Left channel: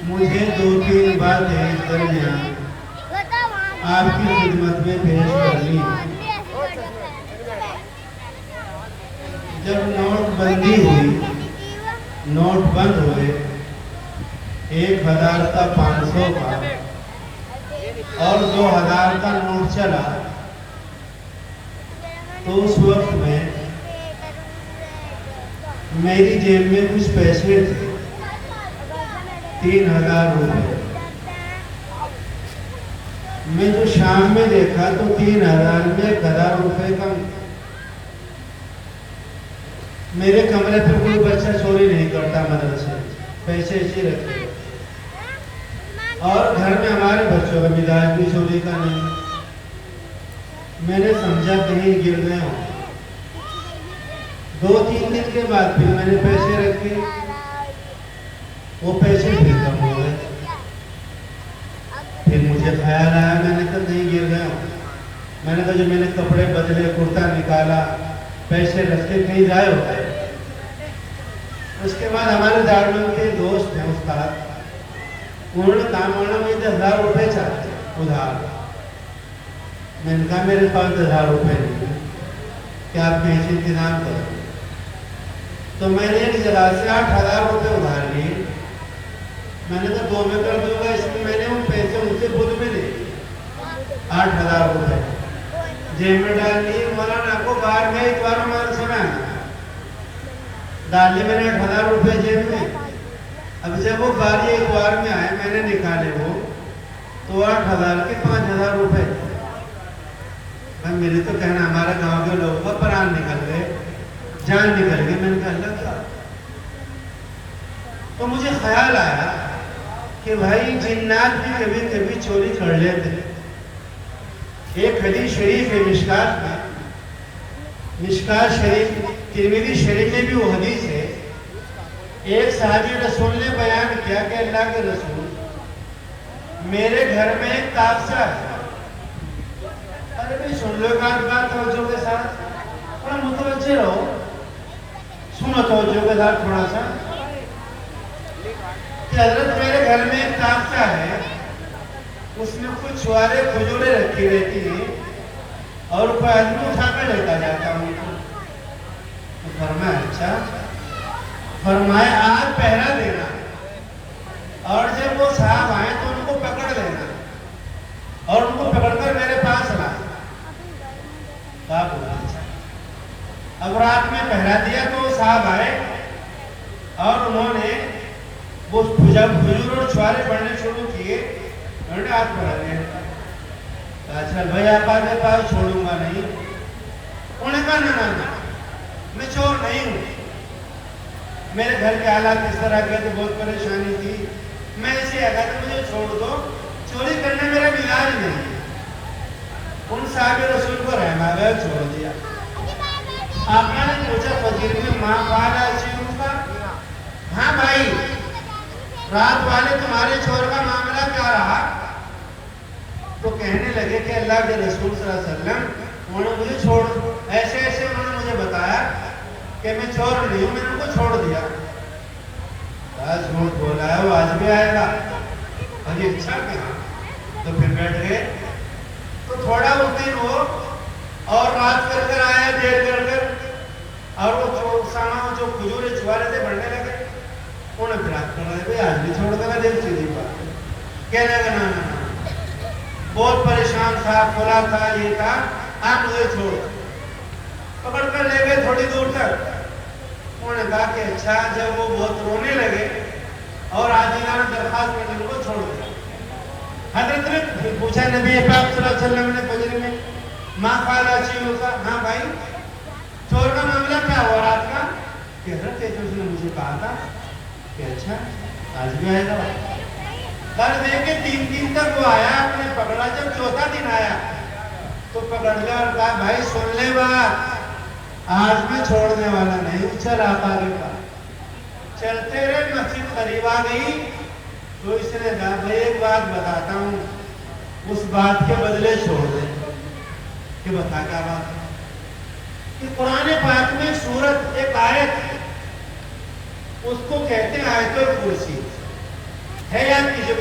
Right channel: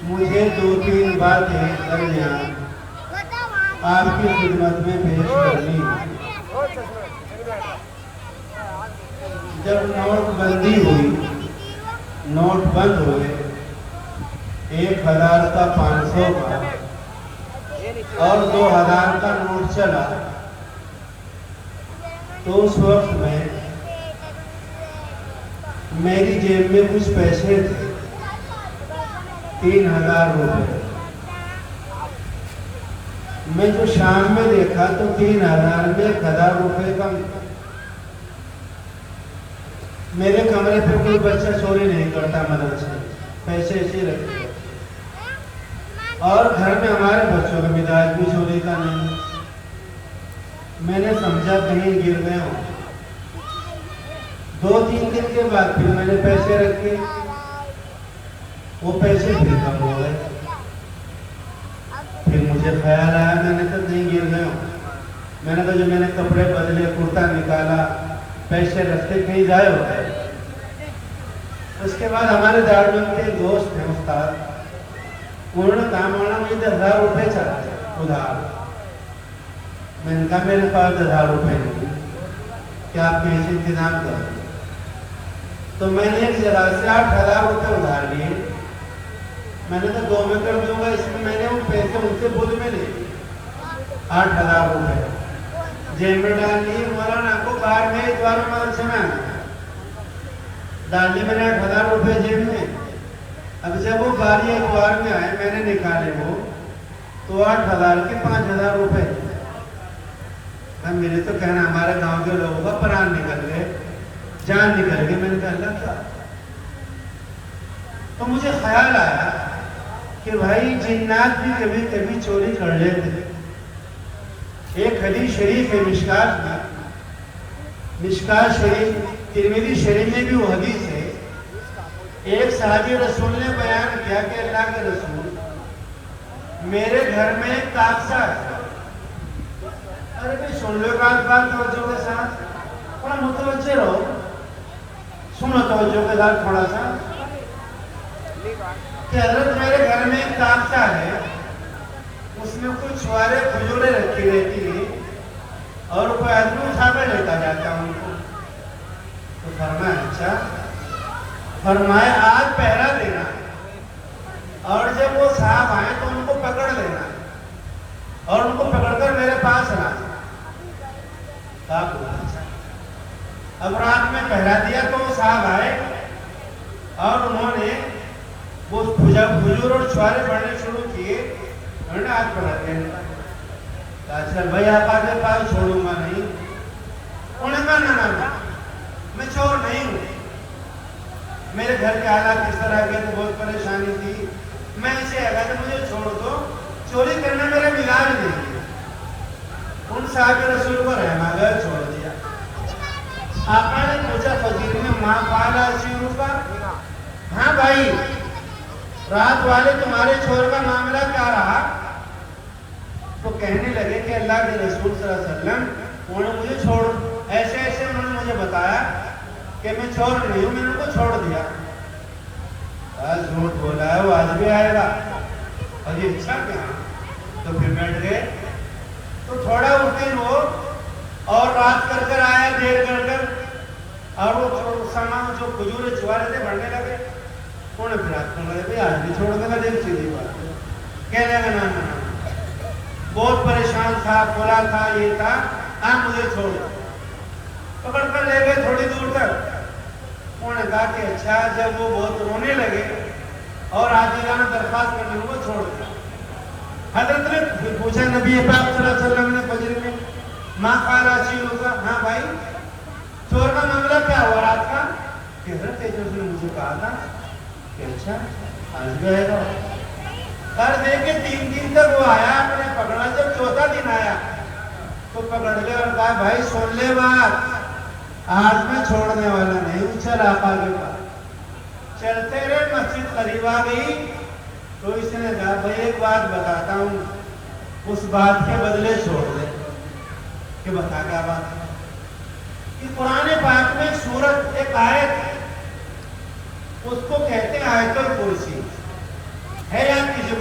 مجھے 2-3 باتیں درمیان آپ کی خدمت میں پیش کرنی ہے۔ جب نوٹ بندی ہوئی، نوٹ بند ہوئے، 1000 کا، 500 کا اور 2000 کا نوٹ چلا، تو اس وقت میں میری جیب میں کچھ پیسے تھے، 3000 روپے۔ میں جو شام میں دیکھا تو 3000 میں 1000 روپے کم۔ میرے کمرے پہ کوئی بچہ چوری نہیں کرتا، مدرسے پیسے اسی رکھتے، اور گھر میں ہمارے بچوں کا مزاج بھی چوری کا نہیں۔ میں نے سمجھا کہیں گر گئے ہوں۔ 2-3 دن کے بعد پھر میں نے پیسے رکھے، وہ پیسے پھر کم ہو گئے۔ پھر مجھے خیال آیا، میں نے کہا کہیں گر گئے ہوں۔ میں نے کہا جو میں نے کپڑے بدلے، کرتا نکالا، پیسے رکھتے کہیں ضائع ہو گئے۔ اس کے بعد ہمارے دارالعلوم کے دوست ہیں استاد، انہوں نے کہا مولانا مجھے 10,000 روپے چاہتے ادھار۔ میں نے کہا میرے پاس 10,000 روپے نہیں، کیا آپ پیسے انتظام کر دیں؟ تو میں نے ایک جگہ سے 8,000 روپے ادھار لیے۔ میں نے کہا 2 میں کر دوں گا، اس میں نے وہ پیسے ان سے خود میں لیے 8,000 روپے جیب میں ڈال لیے۔ مولانا آپ کو باہر میں ایک بار مدرسے میں آنا ڈال لیے میں نے 8,000 روپے جیب میں۔ اب جب وہ گاڑی ایک بار میں آئے، میں نے نکالے وہ تو 8,000 کے 5,000 روپے۔ اب میرے تو کہنا ہمارے گاؤں کے لوگوں کا پران نکل گئے، جان نکل گئی۔ میں نے کہا اللہ تھا، تو مجھے خیال آیا کہ بھائی جنات بھی کبھی کبھی چوری کر لیتے۔ ایک حدیث شریف ہے مشکات کا، مشکات شریف ترمذی شریف میں بھی وہ حدیث ہے۔ ایک صحابی رسول نے بیان کیا کہ اللہ کے رسول، میرے گھر میں ایک تاخچہ ہے۔ ارے بھی سن لو بات توجہ کے ساتھ، تھوڑا متوجہ رہو، سنو توجہ کے ساتھ تھوڑا سا کہ حضرت میرے گھر میں ایک تاخچہ ہے، اس میں کچھ چھوارے کھجوریں رکھی رہتی ہیں اور کوئی آدمی اٹھا کر لیتا جاتا ان کو۔ تو فرمایا اچھا، فرمائے آج پہرا دینا اور جب وہ صاحب آئے تو ان کو پکڑ لینا اور ان کو پکڑ کر میرے پاس لانا۔ اب رات میں پہرا دیا تو وہ صاحب آئے اور انہوں نے وہ کھجور اور چھوارے بڑھنے شروع کیے، انہوں نے ہاتھ پکڑ لیا۔ اچھا بھائی آپ آگے پاس چھوڑوں گا نہیں؟ انہوں نے کہا نا میں چور نہیں ہوں، میرے گھر کے حالات اس طرح کے تو بہت پریشانی تھی، میں اسے اگر مجھے چھوڑ دو، چوری کرنا میرا مزاج نہیں ہے۔ ان صاحب رسول کو رحمہ گیا، چھوڑ دیا۔ آپ نے پوچھا فقیر میں ماں پالا چیز پر؟ ہاں بھائی، رات والے تمہارے چور کا معاملہ کیا رہا؟ تو کہنے لگے کہ اللہ کے رسول صلی اللہ علیہ وسلم انہوں نے مجھے چھوڑ، ایسے ایسے انہوں نے مجھے بتایا کہ میں چور نہیں ہوں، میں نے ان کو چھوڑ دیا۔ آج جھوٹ بولا ہے، وہ آج بھی آئے گا۔ ابھی اچھا کیا، تو پھر بیٹھ گئے۔ تو تھوڑا اس دن وہ اور رات کر کر آیا، دیر کر کر، اور وہ سامان جو کھجورے چھوارے تھے بڑھنے لگے۔ انہوں نے پھر آپ کو لگے بھائی آج بھی چھوڑ دے گا، دیکھ سیدھی بات، کہنے لگا نا بہت پریشان تھا، پورا تھا، یہ تھا، آپ مجھے چھوڑ دو۔ پکڑ کر لے گئے تھوڑی دور تک۔ انہوں نے کہا کہ اچھا، جب وہ بہت رونے لگے اور عاجزانہ درخواست کرنے کو چھوڑ دیا۔ حضرت نے پھر پوچھا نبی پاک صلی اللہ علیہ وسلم نے فجر میں ماں قال چیزوں کا، ہاں بھائی چور کا معاملہ کیا ہوا رات کا؟ کہ حضرت اس نے مجھے کہا تھا کہ اچھا آج بھی آئے گا۔ ہر دیکھے 3 دن تک وہ آیا، آپ نے پکڑا، جب 4تھا دن آیا تو پکڑ لیا اور کہا بھائی سن لے بات، آج میں چھوڑنے والا نہیں، چل آقا کے پاس۔ چلتے رہے، مسجد قریب آ گئی تو اس نے کہا بھائی ایک بات بتاتا ہوں، اس بات کے بدلے چھوڑ دے۔ کہ بتا کیا بات ہے؟ کہ قرآن پاک میں ایک سورت، ایک آیت، اس کو کہتے ہیں آیت الکرسی ہے،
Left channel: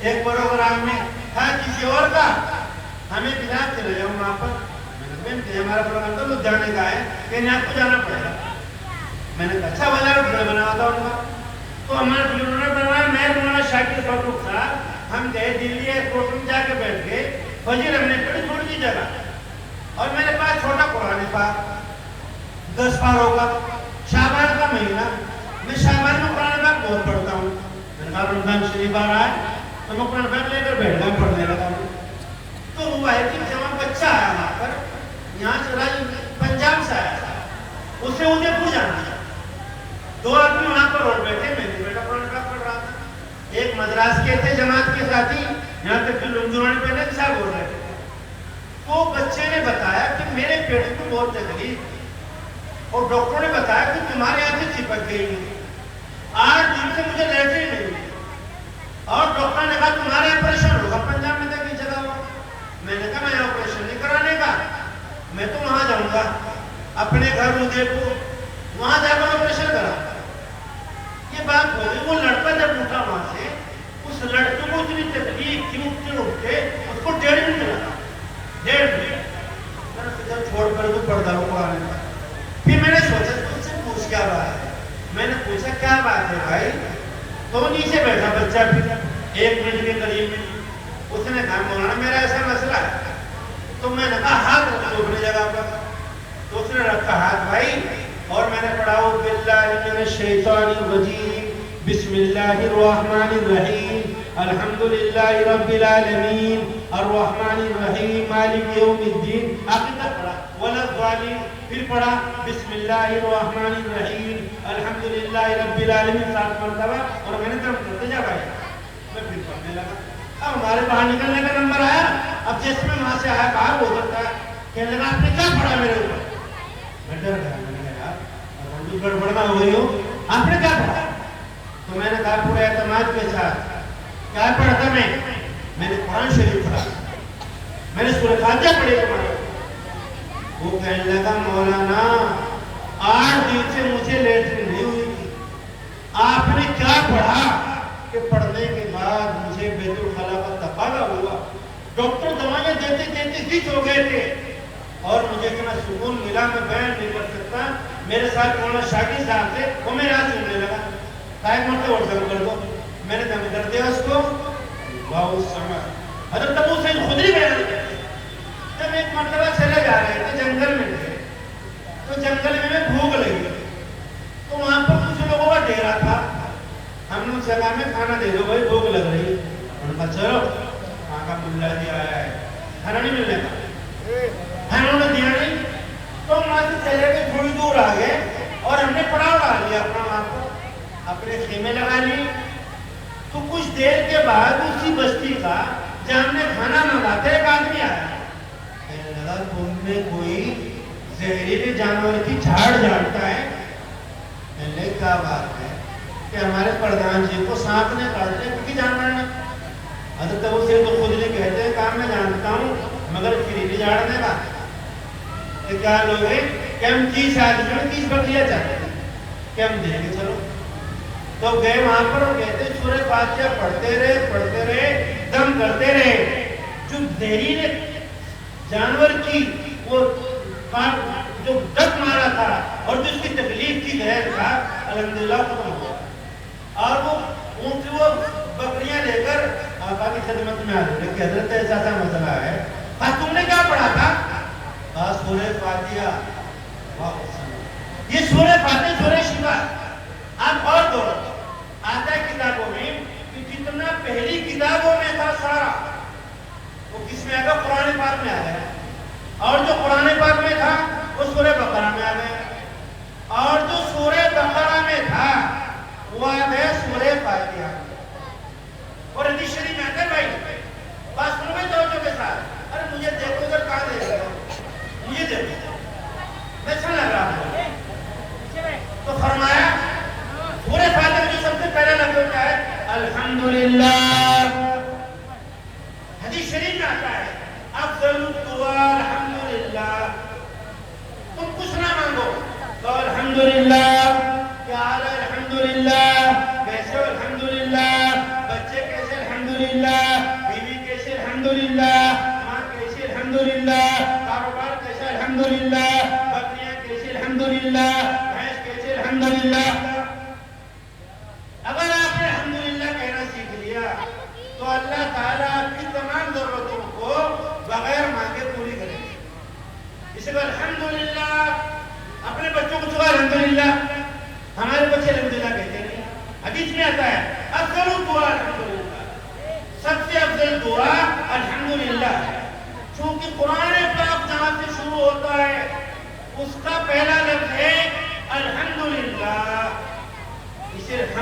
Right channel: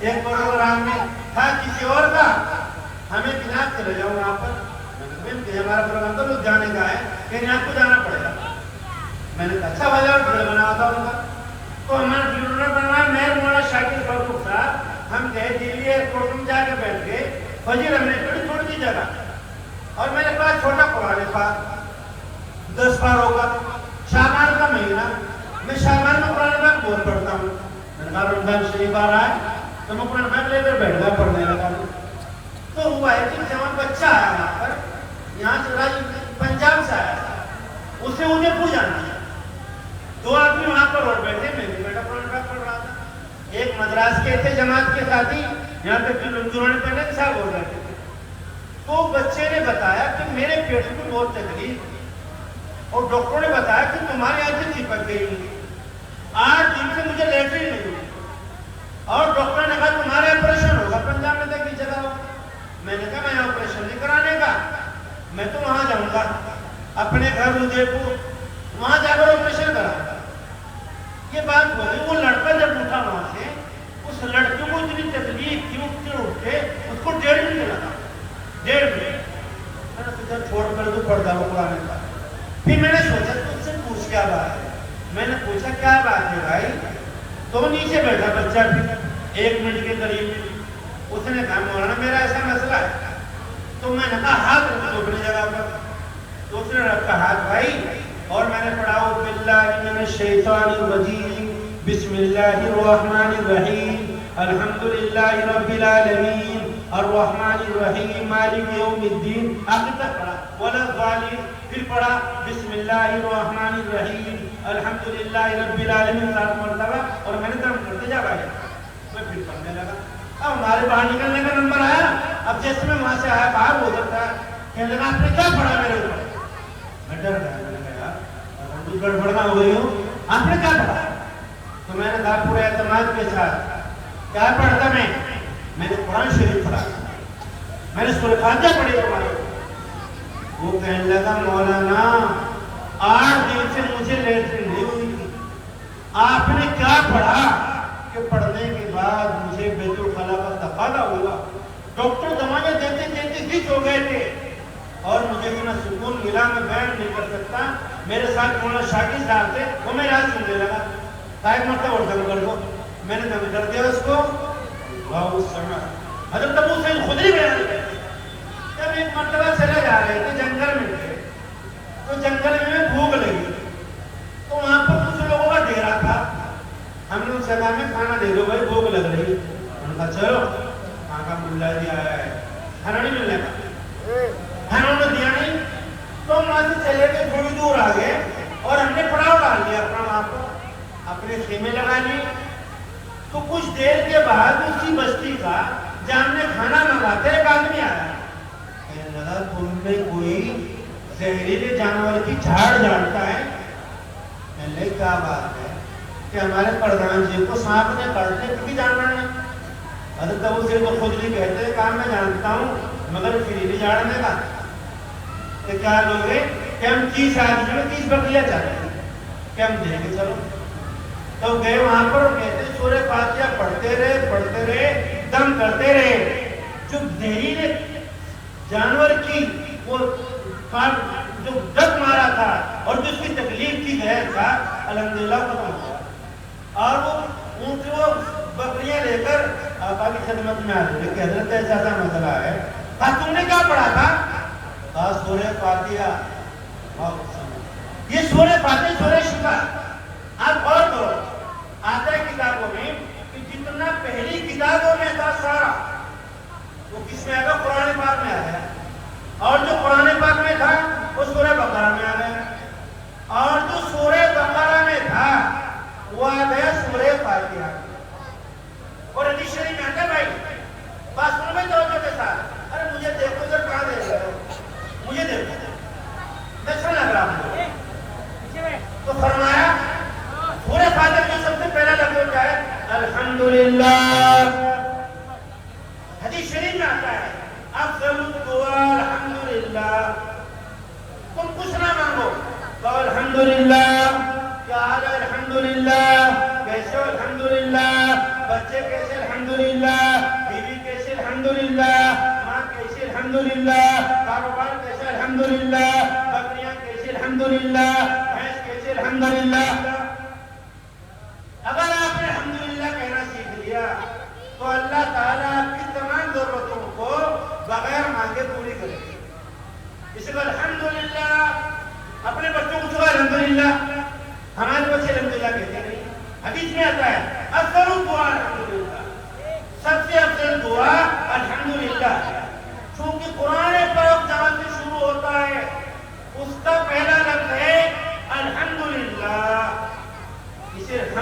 ایک پروگرام میں تھا کسی اور کا، ہمیں کہا چلے جاؤ وہاں پر، ہمارا پروگرام تو لدھیانے کا ہے کہ آپ کو جانا پڑے گا. میں نے کہا اچھا والا ویڈیو بناتا ہوں. تو ہمارے ویڈیو نے بنایا، میں مولانا شاکر فاروق صاحب، ہم گئے دلی ایئرپورٹ میں جا کے بیٹھ گئے. فجر ہم نے پڑھی تھوڑی سی جگہ، اور میرے پاس چھوٹا قرآن پاک 10 بار ہوگا. شعبان کا مہینہ، میں شعبان میں قرآن پاک بہت پڑھتا ہوں. رمضان شریف آ رہا ہے تو میں قرآن پاک لے کر بیٹھ گیا پڑھنے لگا ہوں. تو ہوا ہے کہ جوان بچہ آیا وہاں پر، یہاں سے پنجاب سے آیا تھا، اس نے مجھے پوچھا. 2 آدمی وہاں پر اور بیٹھے، میں نے قرآن پاک پڑھ رہا تھا. ایک مدراس کے تھے جماعت کے ساتھی، یہاں تک کہ رمضان پہلے صاحب ہو رہے تھے. تو بچے نے بتایا کہ میرے پیٹ میں بہت تکلیف تھی، اور ڈاکٹر نے بتایا کہ تمہاری آنکھیں چپک گئی ہیں، 8 دن سے مجھے لیٹرین نہیں ہوئی، اور ڈاکٹر نے کہا تمہارا آپریشن ہوگا پنجاب میں تک کی جگہ ہو. میں نے کہا میں آپریشن نہیں کرانے کا، میں تو وہاں جاؤں گا اپنے گھر ادے پور، وہاں جا کر آپریشن کرا. یہ بات ہوئی. وہ لڑکا جب اٹھا وہاں سے، اس لڑکے کو اتنی تکلیف تھی، اٹھ کے اس کو 1.5 منٹ لگا. 1.5 منٹ چھوڑ کر تو پڑھتا ہوں آنے کا. پھر میں نے سوچا تم سے پوچھ کیا بات ہے. میں نے پوچھا کیا بات ہے بھائی. تو نیچے بیٹھا بچہ، پھر 1 منٹ کے قریب میں اس نے کہا مولانا میرا ایسا مسئلہ ہے. تو میں نے کہا ہاتھ رکھو اپنی جگہ پر. تو اس نے رکھا ہاتھ بھائی، اور میں نے پڑھا باللہ من الشیطان الرجیم بسم اللہ الرحمن الرحیم الحمدللہ رب العالمین الرحمن الرحیم مالک یوم الدین. آخر تک پڑھا ولا الضالین. پھر پڑھا بسم اللہ الرحمن الرحیم الحمدللہ رب العالمین 7 مرتبہ. اور میں نے دم کرتے جا بھائی میں پھر پڑھنے لگا. اب ہمارے باہر نکلنے کا نمبر آیا. اب جیسے میں وہاں سے آیا باہر ہو سکتا ہے کہ لگا آپ نے کیا پڑھا میرے اوپر. میں ڈر گیا، گڑبڑنا ہوئی ہوں، آپ نے کیا پڑھا. تو میں نے کہا پورے اعتماد کے ساتھ کیا پڑھتا میں نے قرآن شریف پڑھا، میں نے سورۃ فاتحہ پڑھی قرآن. وہ کہنے لگا مولانا 8 دن سے مجھے لیٹرین نہیں ہوئی تھی، آپ نے کیا پڑھا. کہ پڑھنے کے بعد مجھے بیت الخلا کا تقاضا ہوا، ڈاکٹر دوائیں دیتے دیتے ہچ ہو گئے تھے، اور مجھے اتنا سکون ملا میں بیان نہیں کر سکتا. میرے ساتھ مولانا شاکر صاحب تھے، وہ میرے ہاتھ سننے لگا. صاحب مرتبہ اور دم کر دو. میں نے دم کر دیا اس کو. بہت سمجھ حضرت ابو سعید خدری بیان کرتے جب ایک مرتبہ چلے جا رہے تھے، جنگل میں تھے، تو جنگل میں بھوک لگی، تو وہاں پر کچھ لوگوں کا ڈیرا تھا. ہم نے ان سے کہا میں کھانا دے دو بھائی بھوک لگ رہی. انہوں نے کہا چلو وہاں کا ملا جی آیا ہے، کھانا نہیں ملنے کا. انہوں نے دیا نہیں، تو ہم وہاں سے چلے گئے، تھوڑی دور آ گئے، اور ہم نے پڑاؤ ڈال لیا اپنا وہاں پر، اپنے خیمے لگا لیے. تو کچھ دیر کے بعد اسی بستی کا جہاں ہم نے کھانا منگا تھا ایک آدمی آیا. کہنے لگا تم نے کوئی زہریلے جانور کی جھاڑ جانتا ہے. میں نے کیا بات ہے کہ ہمارے پردھان جی کو سانپ نے کاٹ لیا کسی جانور نے. حضرت ابو سعید خدری کہتے ہیں کہا میں جانتا ہوں مگر پھر نہیں جھاڑنے کا. کیا لوگ ہیں کہ ہم 30 آدمی میں 30 بکریاں چاہتے ہیں کہ ہم دیں گے. چلو تو گئے وہاں پر، کہتے سورہ فاتحہ پڑھتے رہے دم کرتے رہے. جو زہریلے جانور کی وہ جو ڈس مارا تھا اور جو اس کی تکلیف کی زہر تھا الحمدللہ ختم ہوا. اور وہ ان سے وہ بکریاں لے کر آقا کی خدمت میں آئے کہ حضرت ایسا مسئلہ ہے. ہاں تم نے کیا پڑھا تھا؟ سورہ فاتحہ. یہ سورہ فاتحہ سورہ شفا. آپ غور کرو، آتا ہے کتابوں میں کہ جتنا پہلی کتابوں میں تھا سارا وہ کس میں آگا قرآن پاک میں آیا ہے، اور جو قرآن پاک میں تھا وہ سورہ بقرہ میں آ گیا، اور جو سورہ بقرہ میں تھا وہ آ گیا سورہ فاتحہ. اور حدیث شریف میں آتا ہے بھائی بات سنو بھائی توجہ کے ساتھ. ارے مجھے دیکھو ادھر کہاں دیکھ رہے ہو، مجھے دیکھو میں اچھا لگ رہا ہوں. تو فرمایا سورہ فاتحہ میں سب سے پہلا لفظ کیا ہے؟ الحمدللہ. حدیث شریف میں آتا ہے افضل الدعاء الحمدللہ. تم کچھ نہ مانگو تو الحمدللہ. کیا حال ہے؟ الحمدللہ. کیسے ہو؟ الحمدللہ. بچے کیسے؟ الحمدللہ.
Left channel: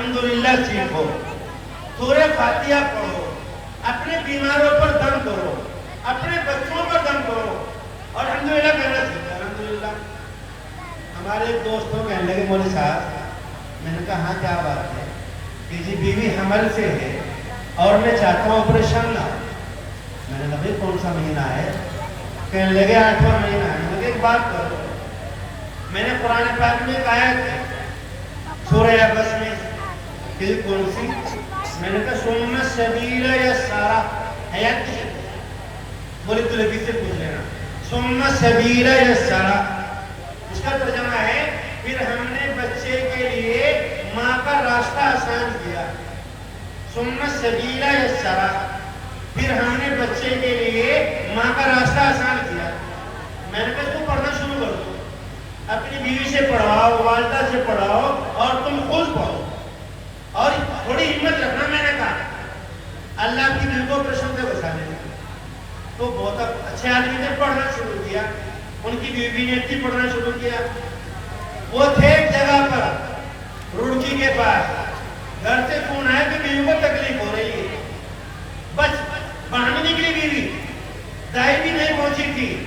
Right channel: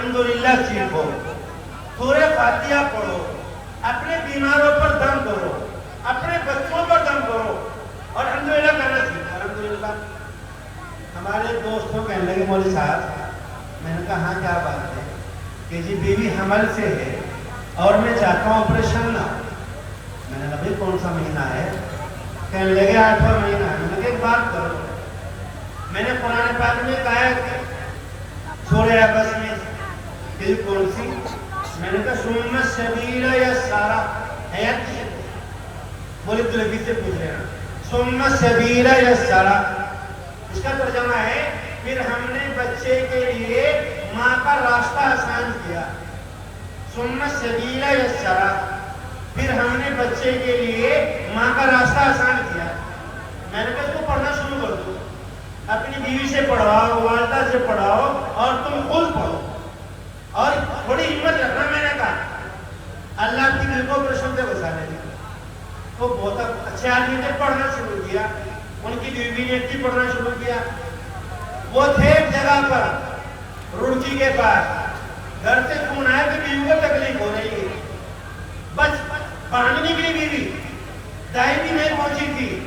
الحمدللہ سیکھو, سورہ فاتحہ پڑھو, اپنے بیماروں پر دم کرو, اپنے بچوں پر دم کرو, اور الحمدللہ کہنا سیکھو. الحمدللہ. ہمارے دوستوں کہنے لگے مولوی صاحب, میں نے کہا ہاں کیا بات ہے, کہ جی بیوی حمل سے ہے اور میں چاہتا ہوں آپریشن نہ ہو. میں نے کہا بھائی کون سا مہینہ ہے؟ کہنے لگے 8واں مہینہ ہے. میں نے کہا ایک بات کرو, میں نے قرآن پاک میں ایک آیت ہے سورہ عبس میں, کہ کون سی؟ میں نے کہا ثم السبیل یسرا ہے یا نہیں؟ بولے تو لبی سے پوچھ لینا. ثم السبیل یسرا اس کا ترجمہ ہے پھر ہم نے بچے کے لیے ماں کا راستہ آسان کیا. ثم السبیل یسرا پھر ہم نے بچے کے لیے ماں کا راستہ آسان کیا. میں نے کہا تو پڑھنا شروع کر دو, اپنی بیوی سے پڑھاؤ, والدہ سے پڑھاؤ, اور تم خود پڑھو, اور تھوڑی ہمت رکھنا. میں نے کہا اللہ کی دل کو آپریشن سے بچانے دیں. تو بہت اچھے آدمی نے پڑھنا شروع کیا, ان کی بیوی نے بھی پڑھنا شروع کیا. وہ تھے ایک جگہ پر روڑکی کے پاس, گھر سے فون آیا کہ بیوی کو تکلیف ہو رہی ہے. بس باہر نکلی بیوی, دائی بھی نہیں پہنچی تھی,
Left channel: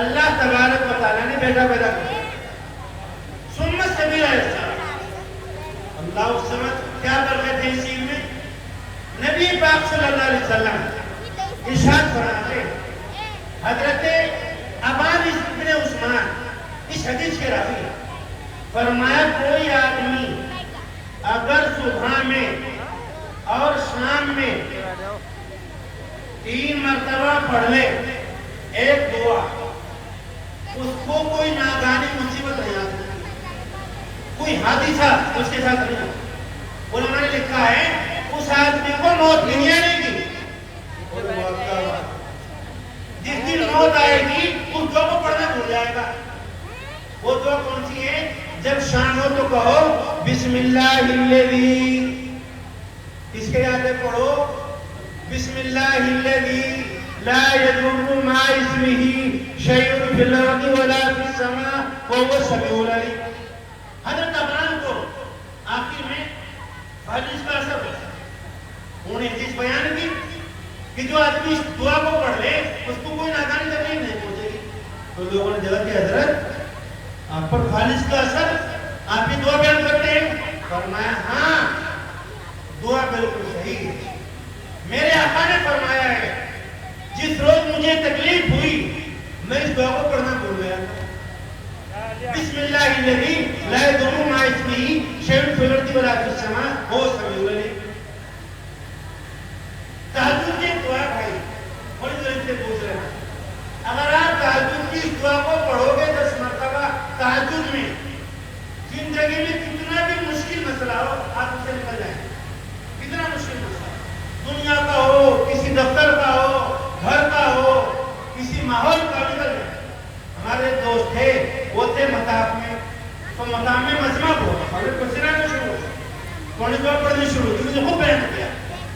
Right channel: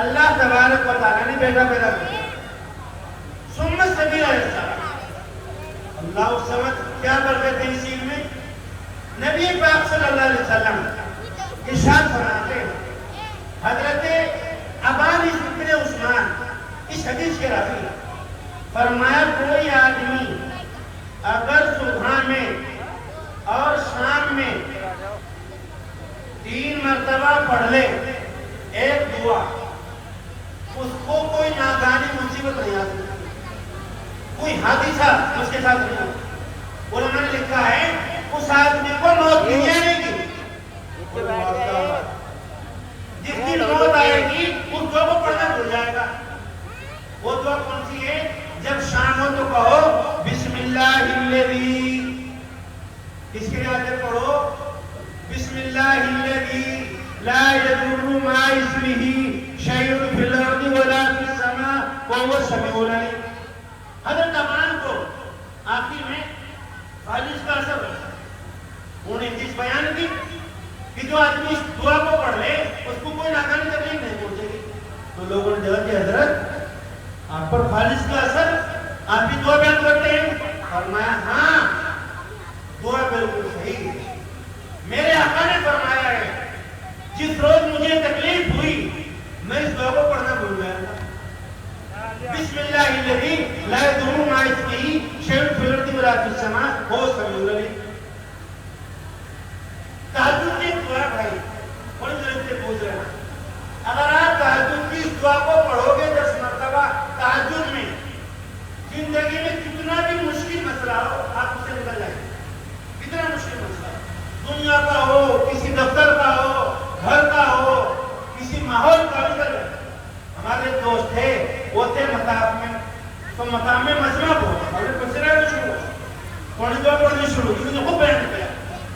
اللہ تبارک و تعالیٰ نے بیٹا پیدا کر دیا. ثم السبیل یسرا. اللہ اس سمجھ کیا برکت ہے اس چیز میں. نبی پاک صلی اللہ علیہ وسلم ارشاد فرماتے, حضرت ابان ابن عثمان اس حدیث کے راوی فرمایا کوئی آدمی اگر صبح میں اور شام میں 3 مرتبہ پڑھ لے ایک دعا, اس کو کوئی ناگہانی مصیبت نہیں آتی, کوئی حادثہ اس کے ساتھ نہیں ہوتا. علماء نے لکھا ہے اس آدمی کو موت نہیں آئے گی. جس دن موت آئے گی اس دعا کو پڑھنا بھول جائے گا. وہ دعا کون سی ہے؟ جب شام ہو تو کہو بسم اللہ الذی, اس کے آگے پڑھو بسم اللہ الذی لا یضر مع اسمہ شیء فی الارض ولا فی السماء وهو السمیع العلیم. حضرت ابان کو آخر میں فالج کا اثر ہے. انہوں نے حدیث بیان کی کہ جو آدمی اس دعا کو پڑھ لے اس کو کوئی ناکامی تکلیف نہیں پہنچے گی. تو لوگوں نے جواب دیا حضرت آپ پر فالج کا اثر, آپ بھی دعا بیان کرتے ہیں؟ فرمایا ہاں دعا بالکل صحیح ہے. میرے آقا نے فرمایا ہے جس روز مجھے تکلیف ہوئی میں اس دعا کو پڑھنا بھول گیا. بسم اللہ الذی لا یضر مع اسمہ شیء فی الارض ولا فی السماء وهو السمیع العلیم. تہجد کی دعا بھائی بڑی ضرورت سے پوچھ رہے ہیں. اگر آپ تہجد کی دعا کو پڑھو گے 10 مرتبہ تہجد میں, زندگی میں کتنا بھی مشکل مسئلہ ہو آپ اسے نکل جائیں گے. کتنا مشکل مسئلہ, دنیا کا ہو, کسی دفتر کا ہو, گھر کا ہو, کسی ماحول کا ہو. ہمارے دوست تھے, وہ تھے مطاف میں, تو مطاف میں مجمع ہوا, اور مسئلہ شروع ہوا, تھوڑی دعا پڑھنی شروع کی. مجھے خوب بیان کیا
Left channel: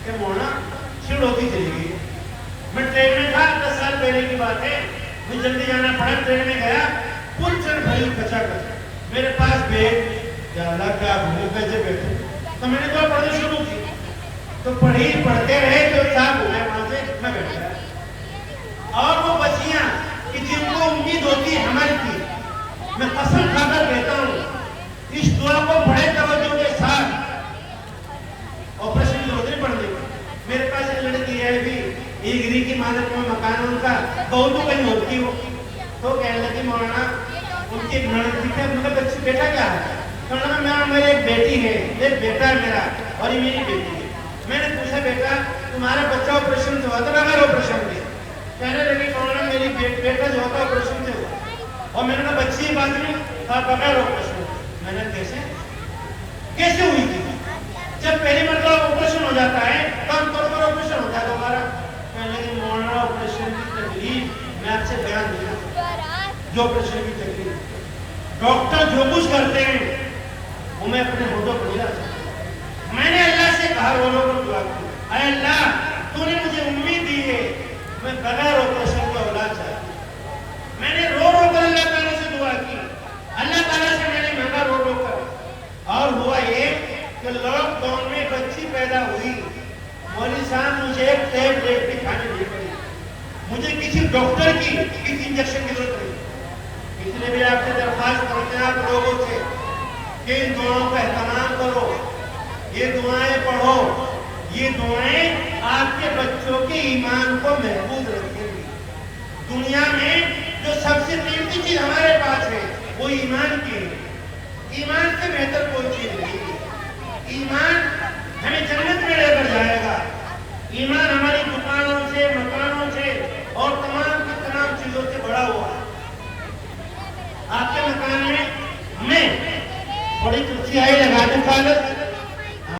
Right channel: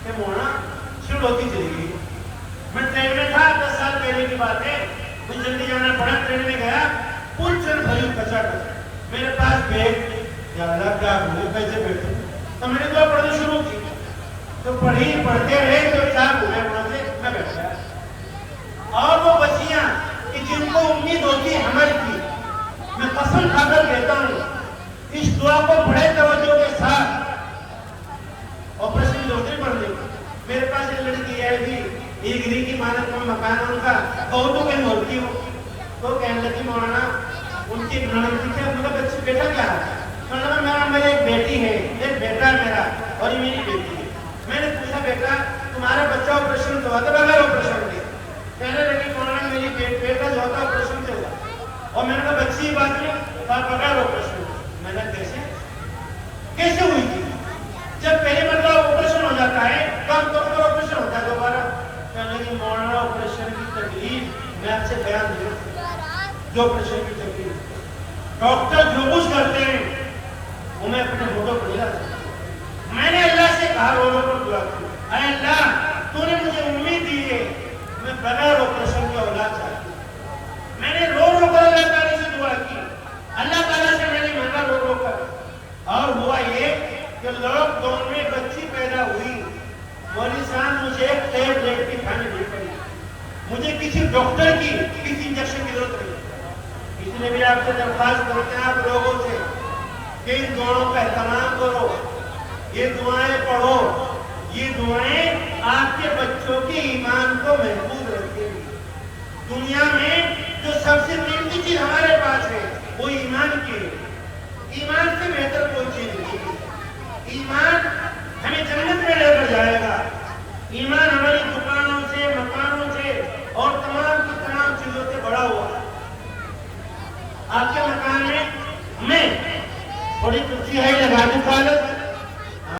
کہ مولانا شروع ہوتی چلی گئی. میں ٹرین میں تھا, 10 سال پہلے کی بات ہے, مجھے جلدی جانا پڑا, ٹرین میں گیا, پل چڑھ بھائی کچا کر میرے پاس بیگ, یا اللہ کیا بھولے کیسے بیٹھے, تو میں نے دعا پڑھنا شروع کی. تو پڑھی پڑھتے رہے تو صاحب ہو گیا وہاں سے, میں بیٹھ گیا. اور وہ بچیاں کہ جن کو امید ہوتی ہے حمل کی, میں قسم کھا کر کہتا ہوں اس دعا کو بڑے توجہ کے ساتھ آپریشن کی ضرورت نہیں پڑنے. میرے پاس ایک لڑکی ہے بھی, ایک گری کی مالک میں مکان ان کا, بہت کو کہیں ہوتی ہو, تو کہنے لگی مولانا ان کی بھائی ہے, مطلب بیٹا کیا ہے؟ مولانا میرا ایک بیٹی ہے, ایک بیٹا ہے میرا, اور یہ میری بیٹی ہے. میں نے پوچھا بیٹا تمہارا بچہ آپریشن سے ہوا تھا بغیر آپریشن کے؟ کہنے لگی مولانا میری بیٹا جو ہوتا آپریشن سے ہوا, اور میں نے کہا بچی بات میں تھا بغیر آپریشن. میں نے کیسے ہوئی تھی؟ جب پہلی مرتبہ آپریشن ہو جاتا ہے تو ہم طور پر آپریشن ہوتا ہے دوبارہ. کہنے لگی مولانا آپریشن کی تکلیف میں آپ سے بیان نہیں کرتا, جو آپریشن کی تکلیف ڈاکٹر جو کچھ کرتے ہیں وہ میں اپنے ہوٹوں پر نہیں رکھتا. میں نے اللہ سے کہا, وہ لوگ کو دعا کی, اے اللہ تو نے مجھے امید دی ہے, میں بغیر آپریشن کی اولاد چاہتی ہوں. میں نے رو رو کر اللہ تعالیٰ سے دعا کی, اللہ تعالیٰ سے میں نے مانگا رو رو کر, اور ہوا یہ کہ لوگ کہ ان دعاؤں کا اہتمام کرو، یہ دعائیں پڑھو، یہ دعائیں آپ کے بچوں کے ایمان کو محفوظ رکھیں گی۔ دنیا میں جو سب سے قیمتی چیز ہمارے پاس ہے وہ ایمان کی ہے۔ ایمان سے بہتر کوئی چیز نہیں ہے۔ ایمان